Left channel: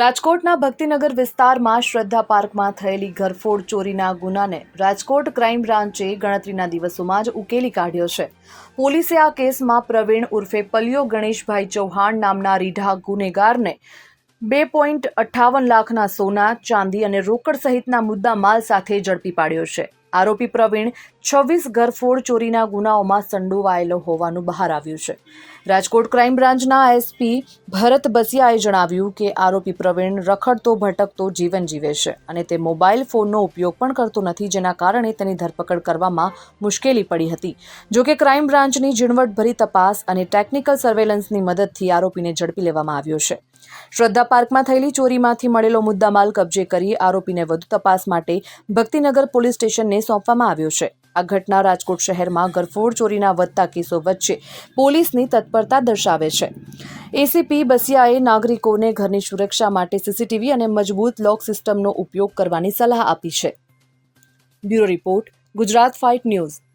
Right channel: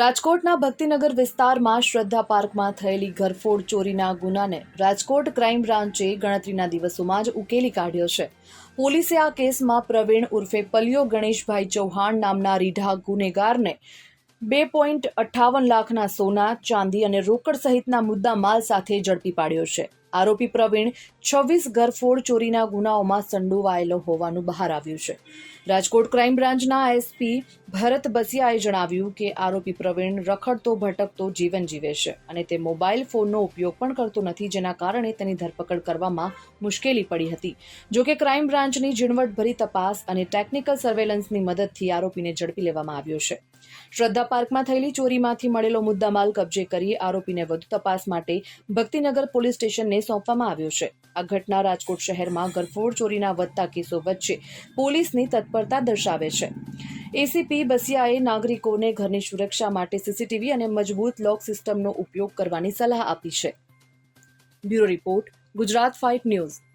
રાજકોટના ભક્તિનગર વિસ્તારમાં શ્રદ્ધા પાર્કમાં થયેલી ઘરફોડ ચોરીના ગુનાને રાજકોટ ક્રાઇમ બ્રાન્ચે ગણતરીના દિવસોમાં જ ઉકેલી કાઢ્યો છે. પોલીસે આ કેસમાં પ્રવીણ ઉર્ફે પલિયો ગણેશભાઈ ચૌહાણ નામના રીઢા ગુનેગારને બે પોઈન્ટ અઠ્ઠાવન લાખના સોના, ચાંદી અને રોકડ સહિતના મુદ્દા માલ સાથે ઝડપી પાડ્યો છે. આરોપી પ્રવીણ છવ્વીસ ઘરફોડ ચોરીના ગુનાઓમાં સંડોવાયેલો હોવાનું બહાર આવ્યું છે. રાજકોટ ક્રાઇમ બ્રાન્ચના એસપી ભરત બસિયાએ જણાવ્યું કે આરોપી પ્રવીણ રખડતો, ભટકતો જીવન જીવે છે અને તે મોબાઈલ ફોનનો ઉપયોગ પણ કરતો નથી, જેના કારણે તેની ધરપકડ કરવામાં મુશ્કેલી પડી હતી. જોકે ક્રાઇમ બ્રાન્ચની ઝીણવટભરી તપાસ અને ટેકનિકલ સર્વેલન્સની મદદથી આરોપીને ઝડપી લેવામાં આવ્યો છે. શ્રદ્ધા પાર્કમાં થયેલી ચોરીમાંથી મળેલો મુદ્દામાલ કબજે કરી આરોપીને વધુ તપાસ માટે ભક્તિનગર પોલીસ સ્ટેશનને સોંપવામાં આવ્યો છે. આ ઘટના રાજકોટ શહેરમાં ગરફોડ ચોરીના વધતા કેસો વચ્ચે પોલીસની તત્પરતા દર્શાવે છે. એસીપી બસિયાએ નાગરિકોને ઘરની સુરક્ષા માટે સીસીટીવી અને મજબૂત લોક સિસ્ટમનો ઉપયોગ કરવાની સલાહ આપી છે. Bureau report, Gujarat fight news.